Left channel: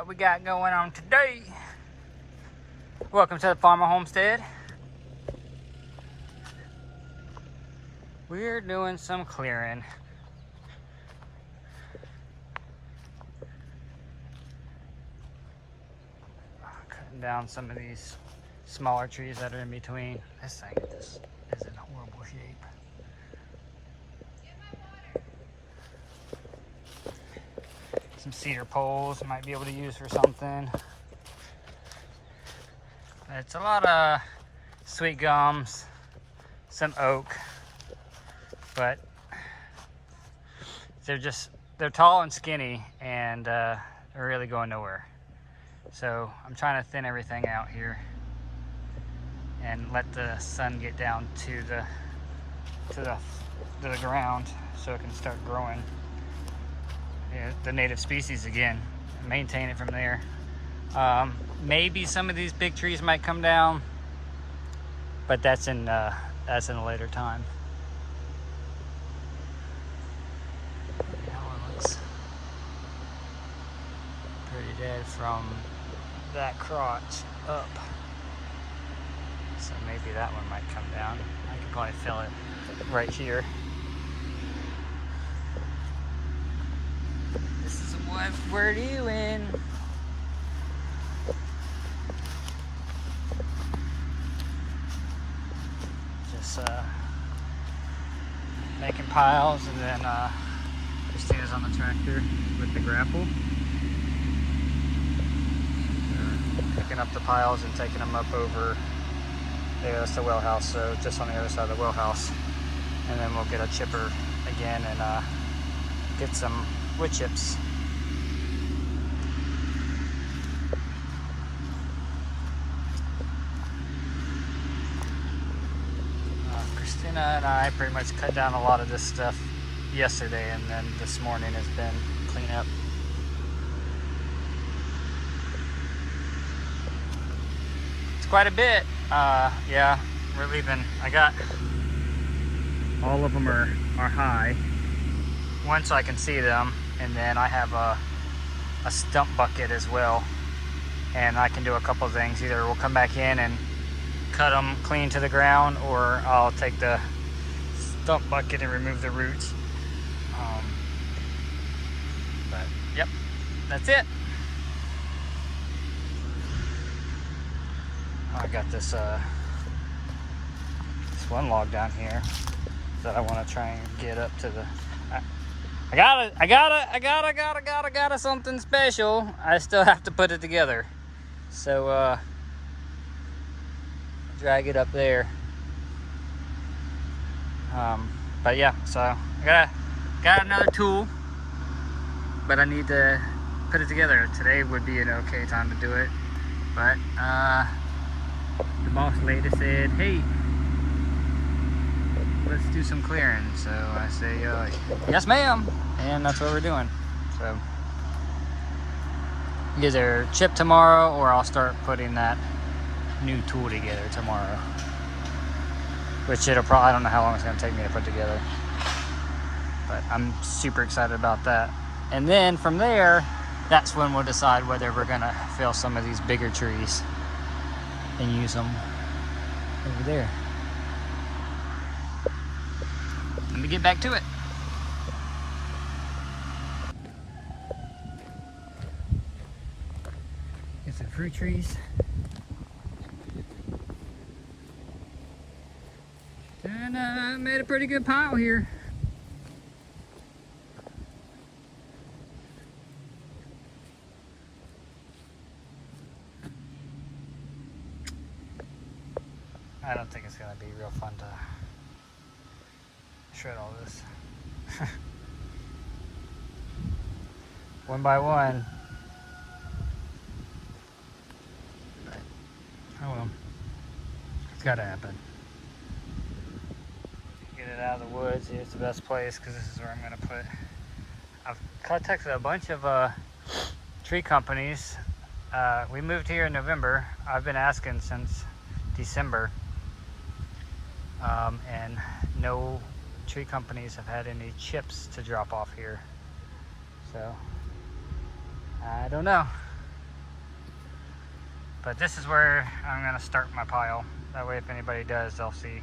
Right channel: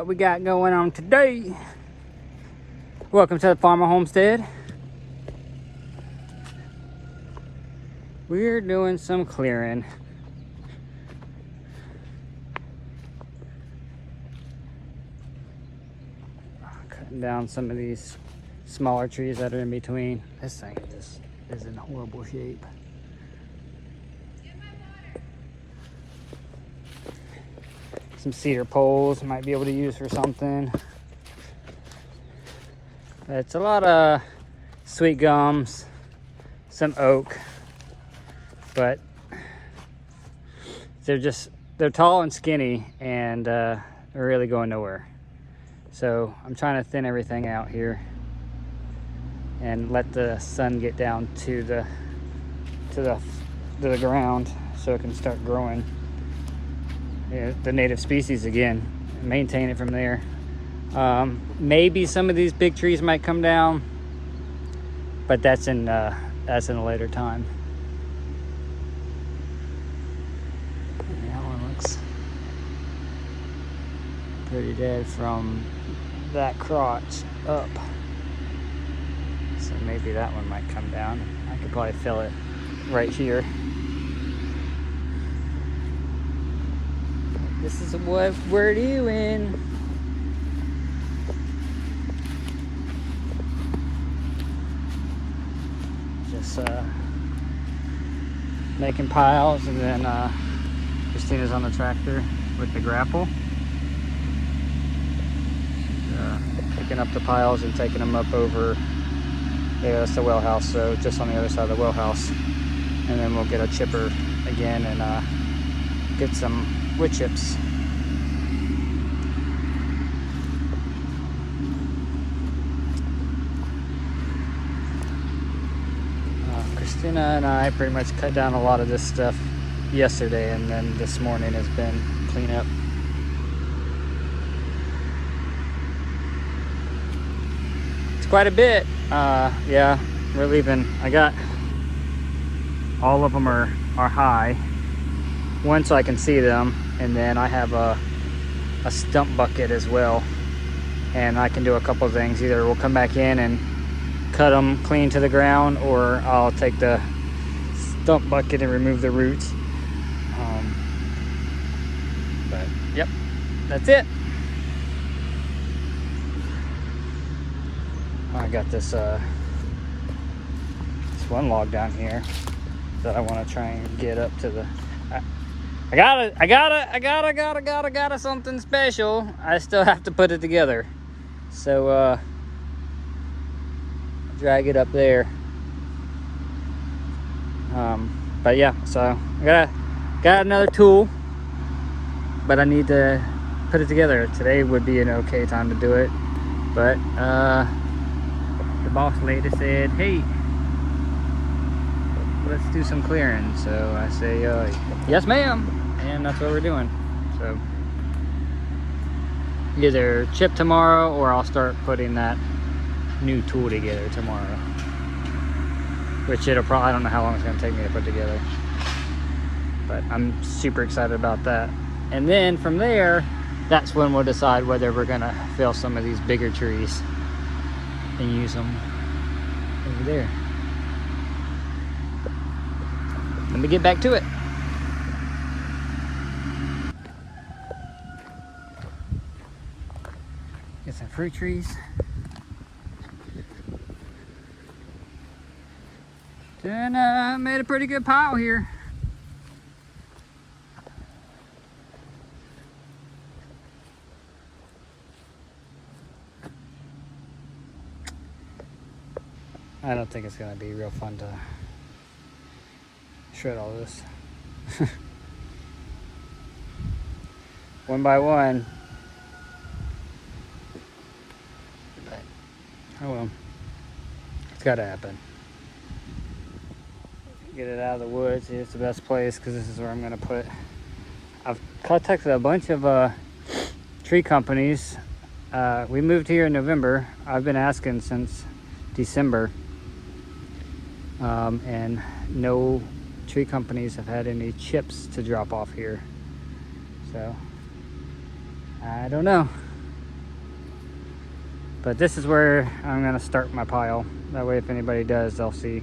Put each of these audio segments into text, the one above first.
what we got going on today. Welcome to the Farmer Homestead. We're doing some clearing. Cutting down some of these smaller trees that are in between. This thing just is in horrible shape. Some cedar poles might be able to use for something. It's a lot of sweet gums, some oak, but they're tall and skinny and they're really going nowhere. So I'm trying to thin everything out here and let the sun get down to the ground so it can start growing the native species again and maintain it from there. Maybe some of these big trees might come down, but that's in a later time. That one looks pretty dead from that crotch up, so maybe that one might come down. I could probably fill it right here. This is what we're doing. Just making piles, and then Christina's on the tractor with the grapple. Picking up the piles and taking them up over there. That's the well house, so just on the other side of the well house. And then we'll get a chipper again and get some wood chips. Christina and I pretty much cut down a lot of this stuff yesterday, and then this morning has been cleanup. It's quite a bit. Yeah, we're leaving. I got all of them are high. One so I can see them, and then I have a stump bucket as well, and I can do a couple of things. Either we'll come back in and cut them clean to the ground, or I'll take the stump bucket and remove the roots. But yep, that's it. I got this one log down here that I want to try and get up to the. I got something special. I still have to put it together. So drag it up there. But yeah, so I got another tool, but I need to put it together. Today would be an okay time to do it, but the boss lady said, hey, let's do some clearing. So I say, yes ma'am, and that's what we're doing. So either chip tomorrow, or I'll start putting that new tool together tomorrow, which I don't know how long it's going to take me to put together, but I'm super excited about that. And then from there, that's when we'll decide whether we're going to fill some of these bigger trees and use them over there. Let me get back to it. Get some fruit trees. And made a pretty good pile here. I don't think it's going to be real fun to shred all this. One by one. But, oh well. It's got to happen. Get it out of the woods. It's the best place because this is where I'm going to put. I've contacted a bunch of tree companies. We moved here in November. I've been asking since December, and no tree companies have had any chips to drop off here. So I don't know. But this is where I'm gonna start my pile. That way if anybody does, they'll see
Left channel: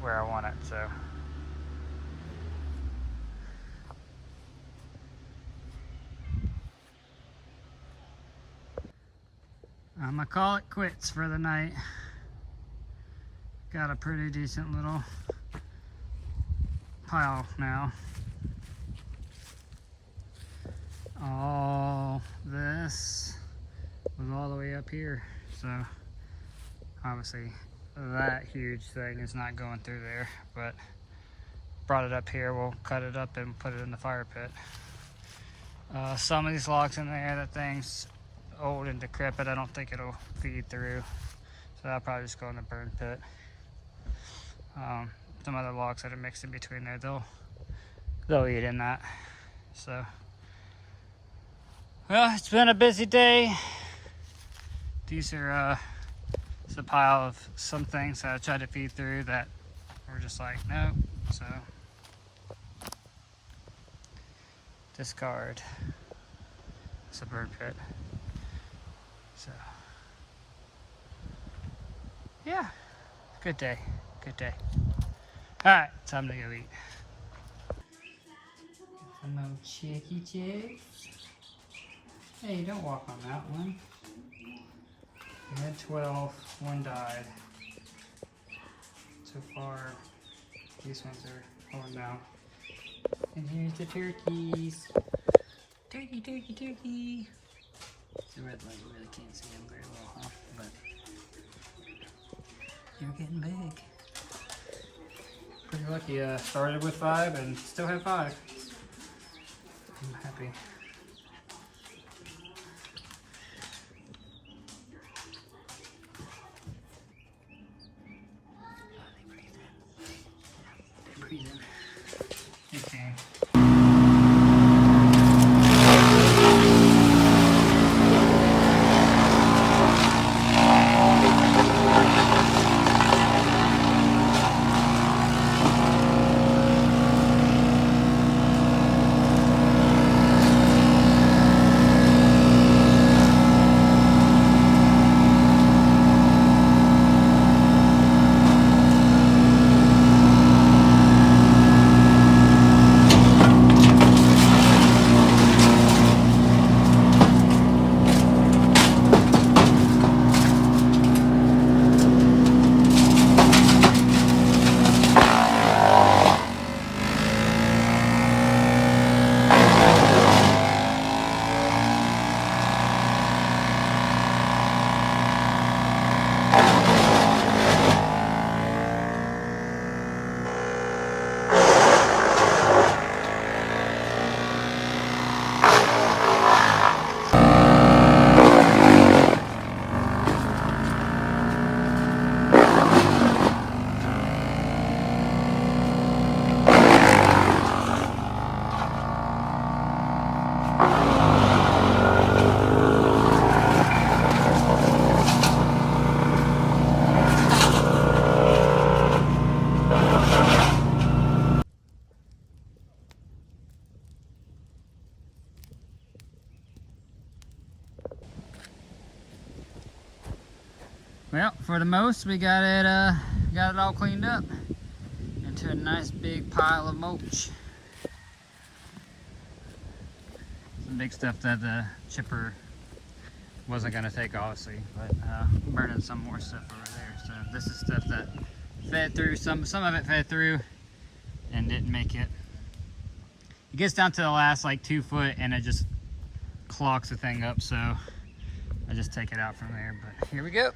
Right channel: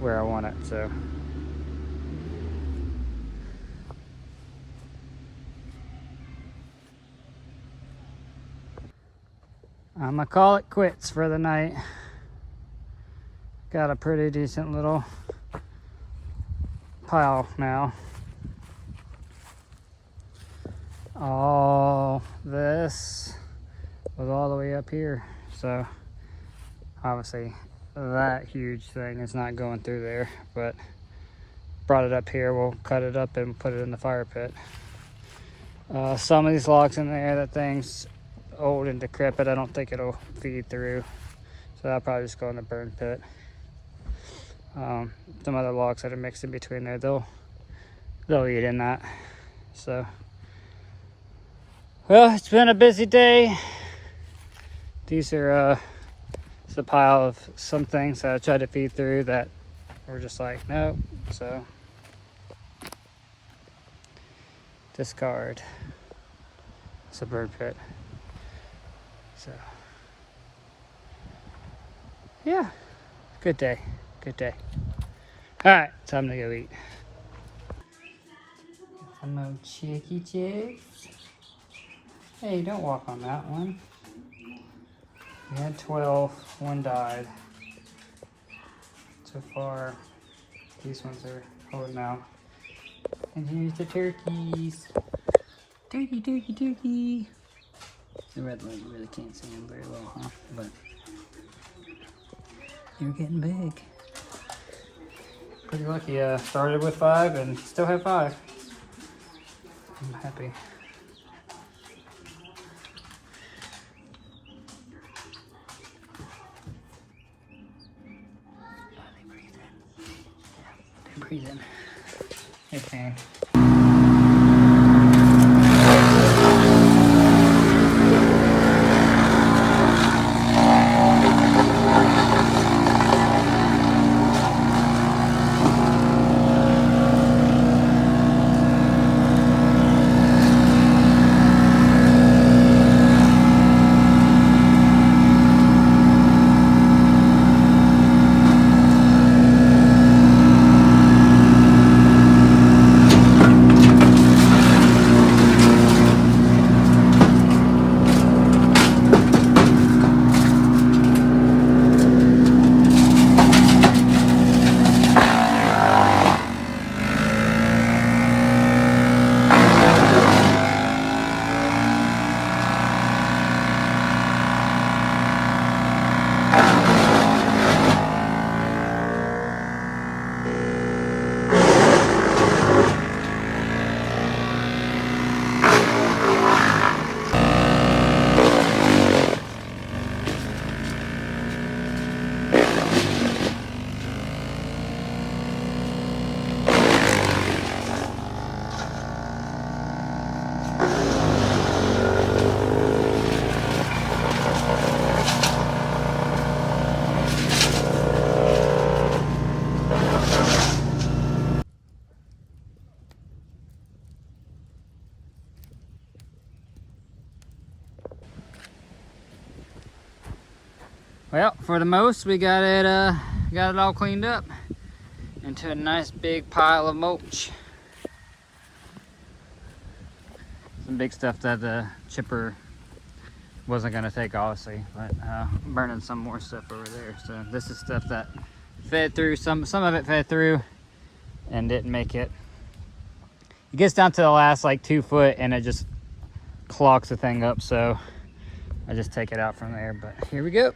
where I want it, so. I'm gonna call it quits for the night. Got a pretty decent little pile now. All this was all the way up here, so obviously that huge thing is not going through there, but brought it up here. We'll cut it up and put it in the fire pit. Some of these logs in there, that thing's old and decrepit. I don't think it'll feed through, so I'll probably just go in the burn pit. Some other logs that are mixed in between there, they'll eat in that. So, well, it's been a busy day. These are it's a pile of some things that I tried to feed through that were just like, nope. So, discard. It's a bird pit. So, yeah, good day. Good day. All right, time to go eat. Hello, chicky chicks. Hey, don't walk on that one. We had 12, one died. So far, these ones are holding out. And here's the turkeys. Turkey, turkey, turkey. The red one, you really can't see them very well, huh? But they're getting big. Pretty lucky. Started with 5 and still have 5. I'm happy. Oh, they breathe in. Yeah, they breathe in. They can. Well, for the most, we got it all cleaned up into a nice big pile of mulch. Some big stuff that the chipper wasn't gonna take, obviously, but burning some more stuff over there. So this is stuff that fed through. Some of it fed through and didn't make it. It gets down to the last like 2 foot and it just clogs the thing up. So I just take it out from there. But here we go.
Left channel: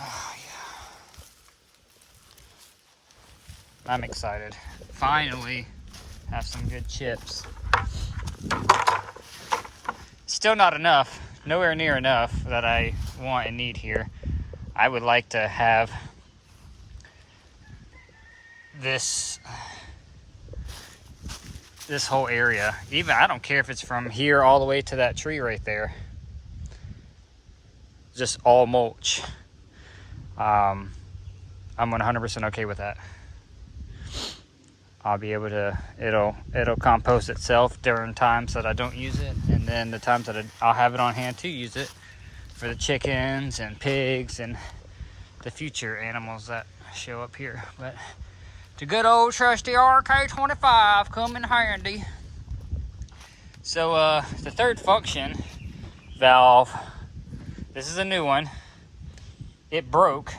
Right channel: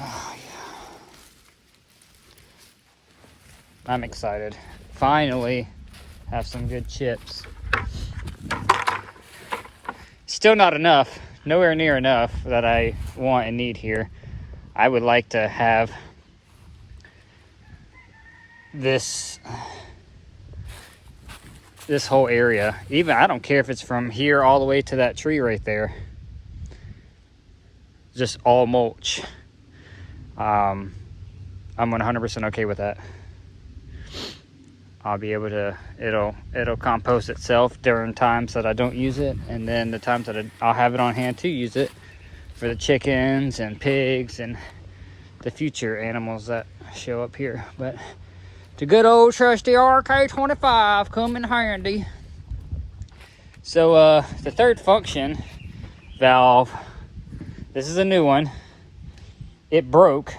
Oh, yeah. I'm excited. Finally have some good chips. Still not enough. Nowhere near enough that I want and need here. I would like to have this whole area. Even, I don't care if it's from here all the way to that tree right there. Just all mulch. I'm 100% okay with that. I'll be able to, it'll compost itself during times that I don't use it, and then the times that I'll have it on hand to use it for the chickens and pigs and the future animals that show up here. But the good old trusty RK25 come in handy. So the third function valve, this is a new one. It broke.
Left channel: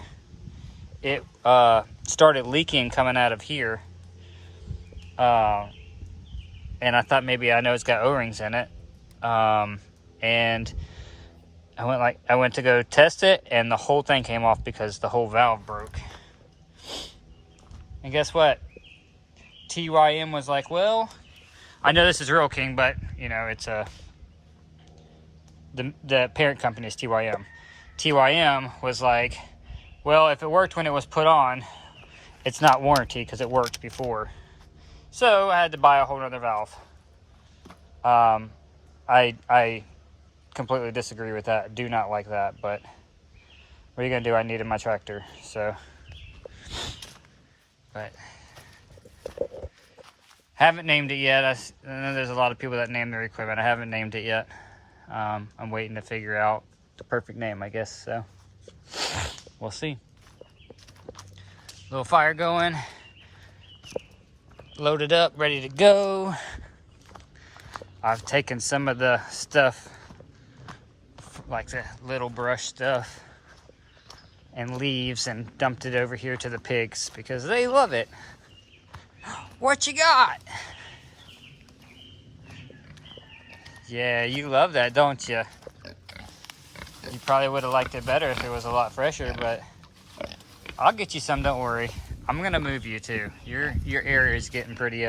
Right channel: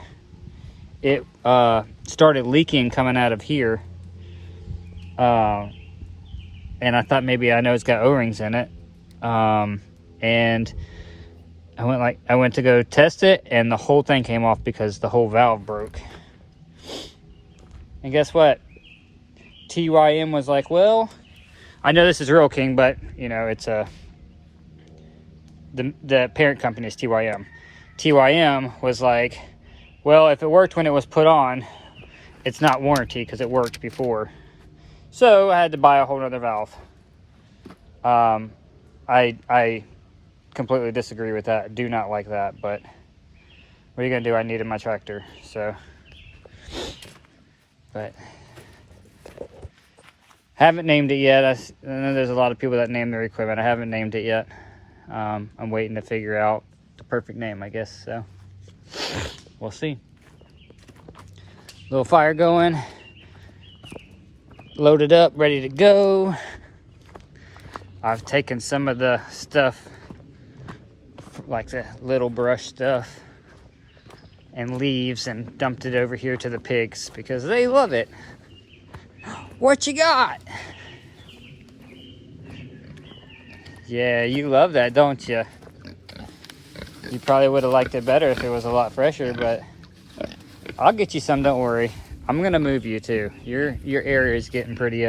It started leaking coming out of here. And I thought maybe, I know it's got O-rings in it. And I went to go test it, and the whole thing came off because the whole valve broke. And guess what? TYM was like, well, I know this is Real King, but you know, it's the parent company is TYM. TYM was like, well, if it worked when it was put on, it's not warranty because it worked before. So I had to buy a whole nother valve. I completely disagree with that. Do not like that, but what are you gonna do? I needed my tractor, so. But haven't named it yet. I know there's a lot of people that name their equipment. I haven't named it yet. I'm waiting to figure out the perfect name, I guess. So we'll see. Little fire going. Loaded up, ready to go. I've taken some of the stuff, like the little brush stuff and leaves, and dumped it over here to the pigs because they love it. What you got? Yeah, you love that, don't you? You probably would have liked it better if it was a lot fresher, but I'll get you some, don't worry. I'm gonna move you too. Your area is getting pretty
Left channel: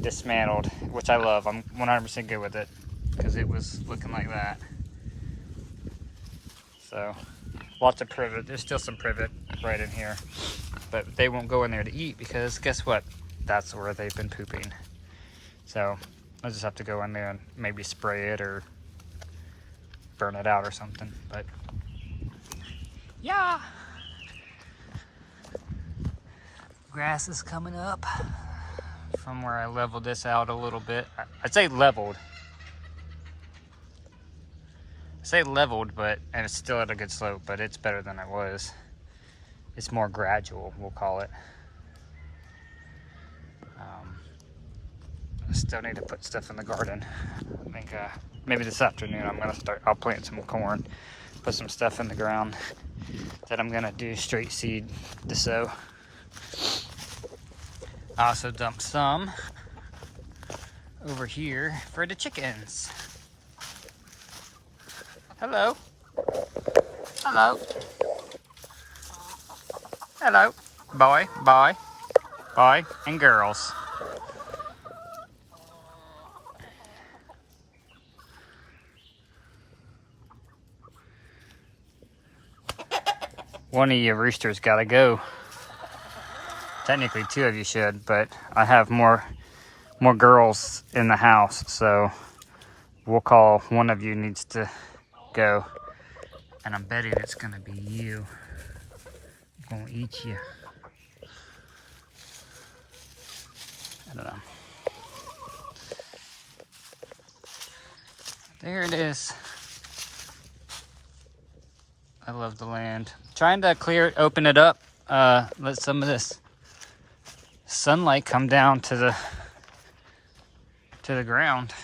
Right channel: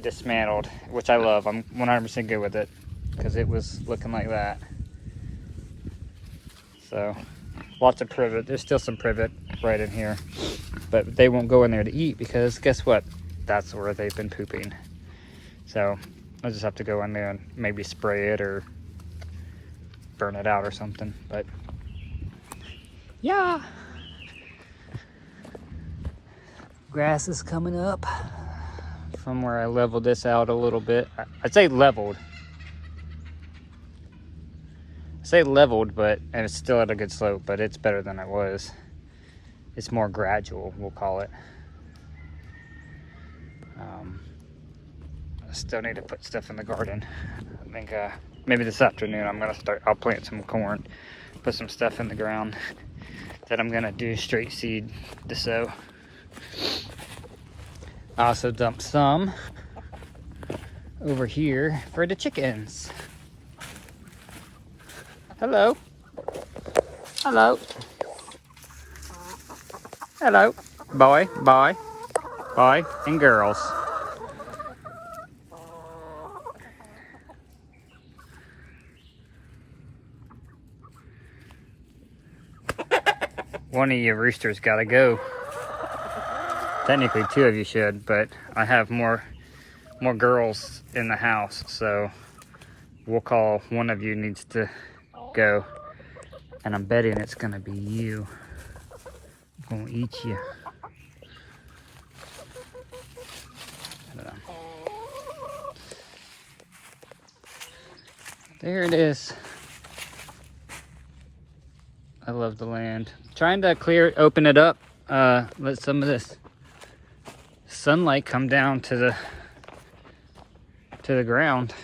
dismantled, which I love. I'm 100% good with it because it was looking like that. So lots of privet. There's still some privet right in here, but they won't go in there to eat because guess what? That's where they've been pooping. So I'll just have to go in there and maybe spray it or burn it out or something. But yeah, grass is coming up from where I leveled this out a little bit. I'd say leveled. But, and it's still at a good slope, but it's better than it was. It's more gradual, we'll call it. I still need to put stuff in the garden. I think maybe this afternoon I'll plant some corn, put some stuff in the ground that I'm gonna do straight seed to sow. I also dumped some over here for the chickens. Hello. Hello. Hello. Boy, and girls. One of you roosters gotta go. Technically, two of you should, but I have more girls in the house, so we'll call one of you needs to go. And I'm betting it's gonna be you. I'm gonna eat you. I don't know. There it is. I love the land. Trying to open it up, let some of this sunlight come down to the ground.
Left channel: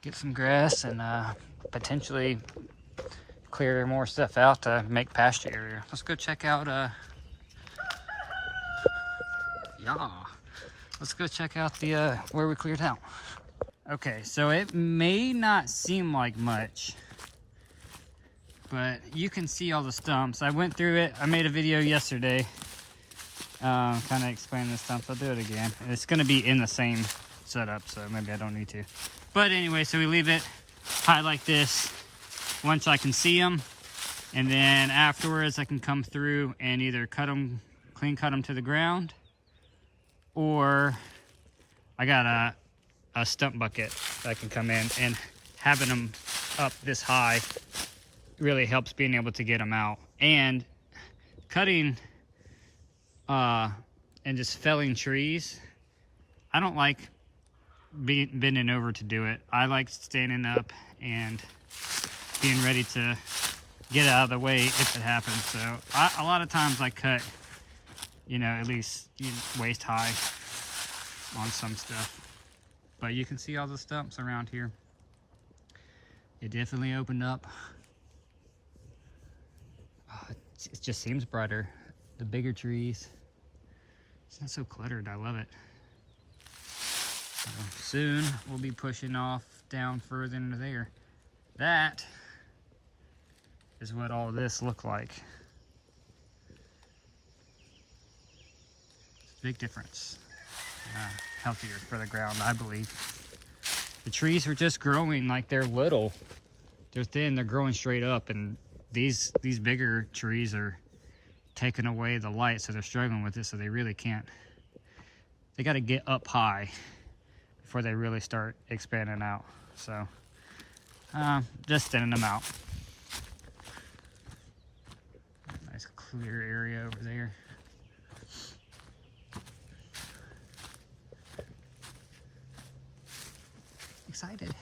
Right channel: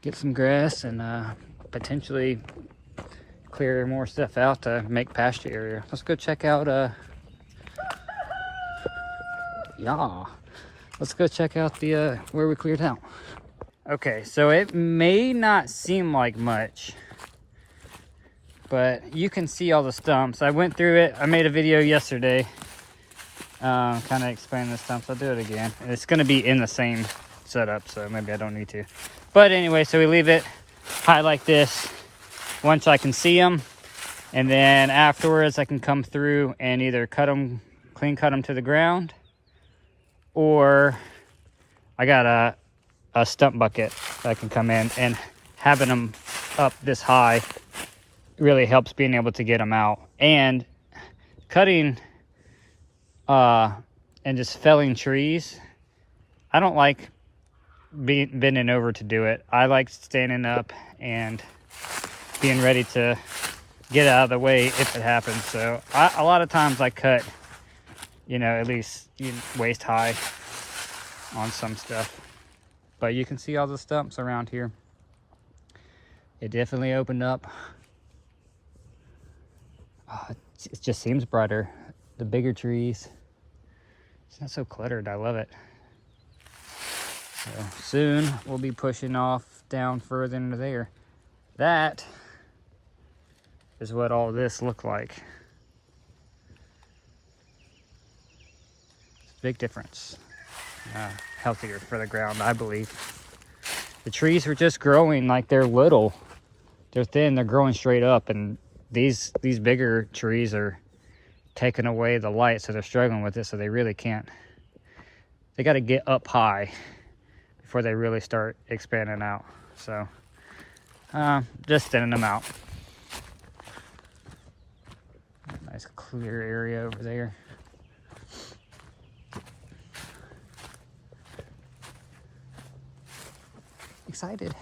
Get some grass and potentially clear more stuff out to make pasture area. Let's go check out let's go check out the where we cleared out. Okay, so it may not seem like much, but you can see all the stumps. I went through it. I made a video yesterday kind of explaining the stumps. I'll do it again. It's going to be in the same setup, so maybe I don't need to. But anyway, so we leave it high like this once I can see them, and then afterwards I can come through and either clean cut them to the ground, or I got a stump bucket that I can come in, and having them up this high really helps being able to get them out. And cutting and just felling trees, I don't like bending over to do it. I like standing up and being ready to get out of the way if it happens. So a lot of times I cut, you know, at least waist high on some stuff. But you can see all the stumps around here. It definitely opened up. Oh, it just seems brighter. The bigger trees. It's not so cluttered. I love it. So soon we'll be pushing off down further into there. That is what all this looked like. It's a big difference. Healthier for the ground, I believe. The trees are just growing like they're little. They're thin, they're growing straight up, and these bigger trees are taking away the light, so they're struggling with it, so they really can't. They got to get up high before they really start expanding out. So just thinning them out. Nice clear area over there. Excited.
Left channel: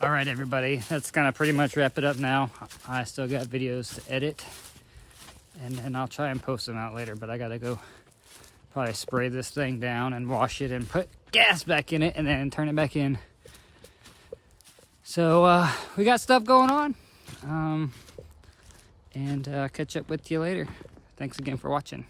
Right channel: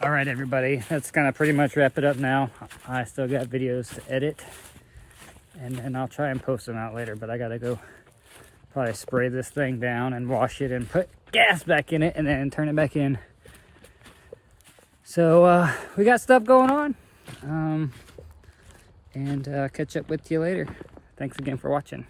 All right, everybody, that's gonna pretty much wrap it up now. I still got videos to edit, and then I'll try and post them out later, but I gotta go probably spray this thing down and wash it and put gas back in it and then turn it back in. So we got stuff going on, and catch up with you later. Thanks again for watching.